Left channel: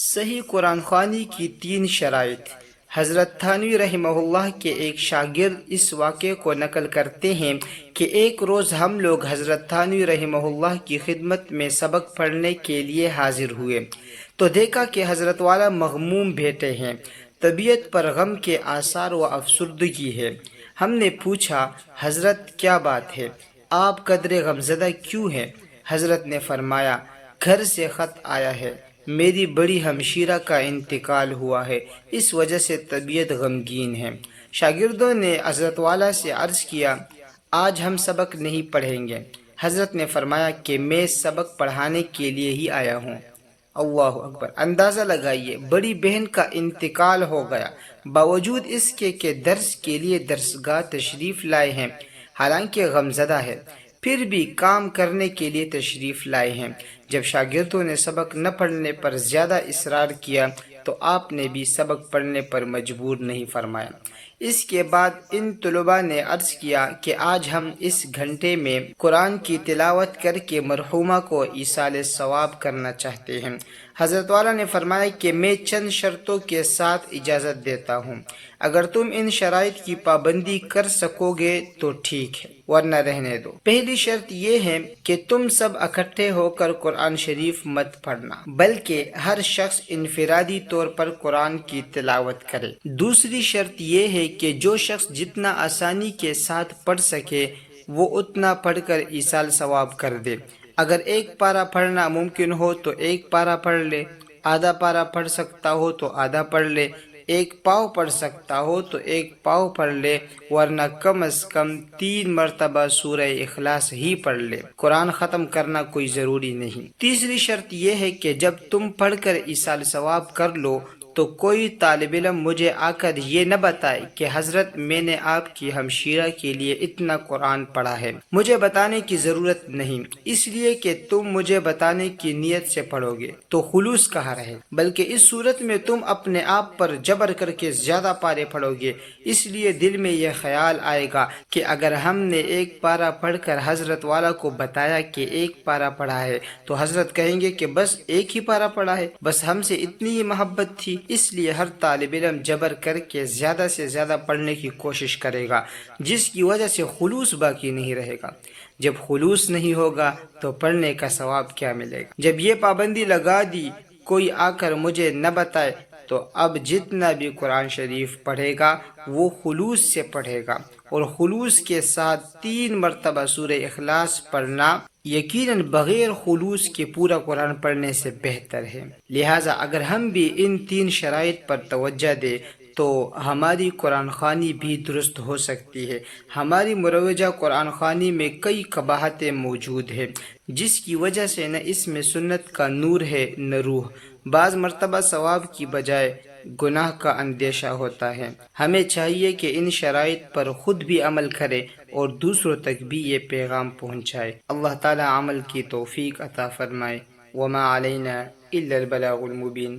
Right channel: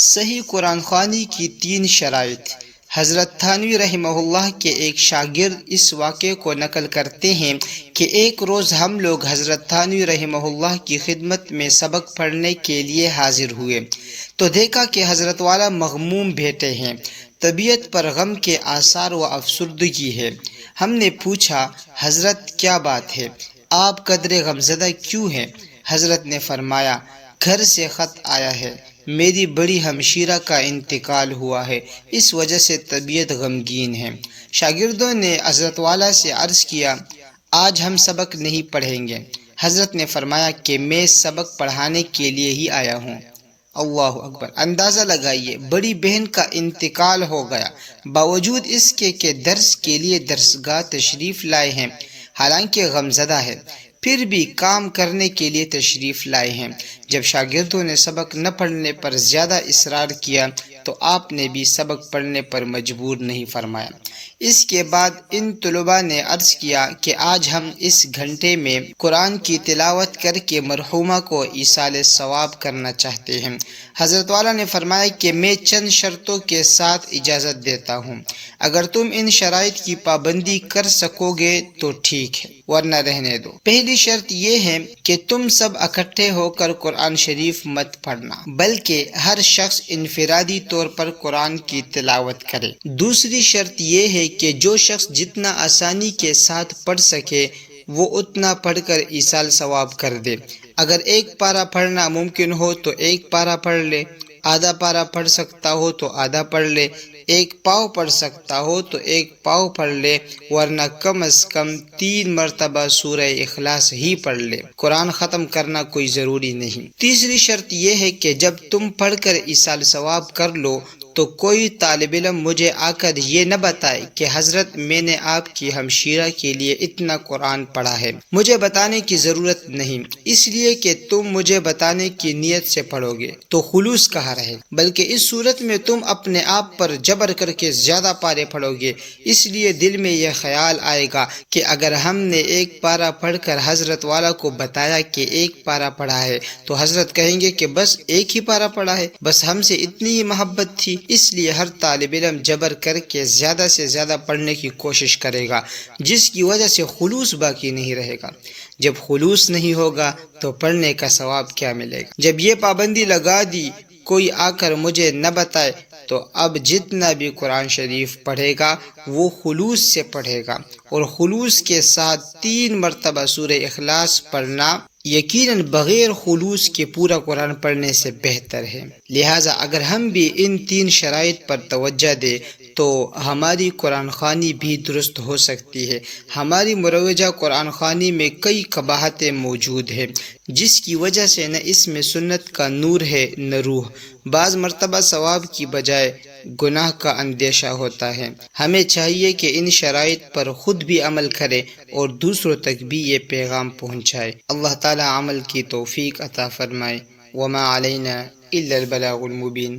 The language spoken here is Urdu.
صحیح قرآن خوانی کی 3 شرائط۔ حضرت تھانوی رحمہ اللہ کے ایک شاگرد اس واقعے کو نقل کرتے ہیں کہ ایک روز ہم لوگ حضرت تھانوی رحمہ اللہ کی خدمت میں سبق پڑھنے کے لیے حاضر ہوئے تو دیکھا کہ حضرت والا مغموم بیٹھے ہیں، طبیعت پر غم کے آثار و افسردگی ہے۔ ہم نے پوچھا، حضرت کیا بات ہے؟ آپ قدرے غمزدہ کیوں ہیں؟ حضرت نے فرمایا، گھر سے خط آیا ہے، میری بڑی ہمشیرہ کا انتقال ہوا ہے، اس وجہ سے طبیعت غمگین ہے۔ شاگردوں نے حضرت والا سے عرض کیا، آج ہم سبق نہیں پڑھیں گے۔ حضرت نے فرمایا کہ میں سبق پڑھانے کے لیے ہی آیا ہوں۔ اللہ اکبر! اندازہ لگائیے، بڑی بہن کا انتقال ہو گیا، باوجود اس کے کہ درس کے لیے درسگاہ تشریف لائے ہیں، حالانکہ غمزدہ ہے، پھر بھی کام کرنے کے لیے تشریف لائے ہیں۔ جب شاگردوں نے سبق نہ پڑھنے پر زیادہ اصرار کیا تو آپ نے بھی سبق پڑھنے پر مجبور نہیں فرمایا۔ اس کے بعد ان طلباء نے عرض کیا کہ آج ہم اس گھنٹے میں قرآن کی تلاوت کر کے مرحومہ کو ایصال ثواب کرنا چاہتے ہیں۔ حضرت والا نے فرمایا کہ میں چند شرطوں کے ساتھ اجازت دیتا ہوں، اگر تم ان شرائط کی پابندی کر سکو گے تو ٹھیک ہے، ورنہ رہنے دو۔ پہلی شرط یہ ہے کہ تم سب اکٹھے ہو کر قرآن شریف مت پڑھنا، بلکہ ہر شخص انفرادی طور پر قرآن کی تلاوت کرے۔ دوسری شرط یہ ہے کہ جو شخص جتنا آسانی کے ساتھ پڑھ سکے وہ اتنا پڑھ کر ایصال ثواب کر دے۔ اگر ایک پارہ پڑھنا ممکن ہو تو ایک پارہ پڑھ لے، آدھا پارہ پڑھ سکتا ہو تو آدھا پڑھ لے، ایک پاؤ پڑھ سکتا ہو تو ایک پاؤ پڑھ لے، ورنہ کم از کم 3 مرتبہ سورہ اخلاص ہی پڑھ لے۔ قرآن ختم کرنا کوئی ضروری نہیں۔ تیسری شرط یہ ہے کہ جب تم پڑھ کر ایصال ثواب کر لو تو کوئی طالب علم مجھے آ کر یہ نہ بتائے کہ حضرت میں نے آپ کی ہمشیرہ کے لیے اتنا قرآن پڑھا ہے۔ مجھے بتانے کی ضرورت نہیں، اس لیے کہ تم مجھے بتانے کی نیت سے پڑھو گے تو خلوص کہاں رہے، بلکہ اس صورت میں تم اپنے آپ پر جبر کر کے زیادہ پارے پڑھو گے۔ اس لیے دل میں یہ خیال آئے گا کہ اگر ہم نے ایک پارہ پڑھ کر حضرت والا کو بتایا کہ ایک پارہ پڑھا ہے تو حضرت کہیں گے کہ بس ایک ہی پارہ پڑھا ہے، بس ہم سے اتنی ہی محبت تھی۔ اس لیے ہر طالب علم جبر کر کے زیادہ سے زیادہ پڑھنے کی کوشش کرے گا، جس کی وجہ سے خلوص باقی نہیں رہے گا۔ جب خلوص نہیں ہوگا تو پڑھنے کا ثواب کیا ملے گا؟ جب یہ پابندی لگا دی، کوئی آ کر مجھے نہ بتائے، تو اب جتنا بھی قرآن شریف پڑھے گا وہ خلوص سے پڑھے گا، اور خلوص کے ساتھ 3 مرتبہ سورہ اخلاص پڑھنا یقیناً بغیر خلوص کے پورا قرآن پڑھنے سے بہتر ہے۔ لہٰذا اگر ہم بھی ان 3 شرائط پر توجہ دیں تو ہماری قرآن خوانی بھی درست ہو سکتی ہے۔ ہماری مروجہ قرآن خوانی میں کئی قباحتیں موجود ہیں، جس کی وجہ سے نہ اس میں سنت کا نور ہے نہ روح۔ بعض مرتبہ ثواب کی بجائے گناہ کا اندیشہ ہوتا ہے۔ ہمیں چاہیے کہ ان شرائط پر خود بھی عمل کرے اور دوسروں تک بھی یہ پیغام پہنچائے۔ اللہ تعالی عمل کی توفیق عطا فرمائے۔ وما علینا الا البلاغ المبین۔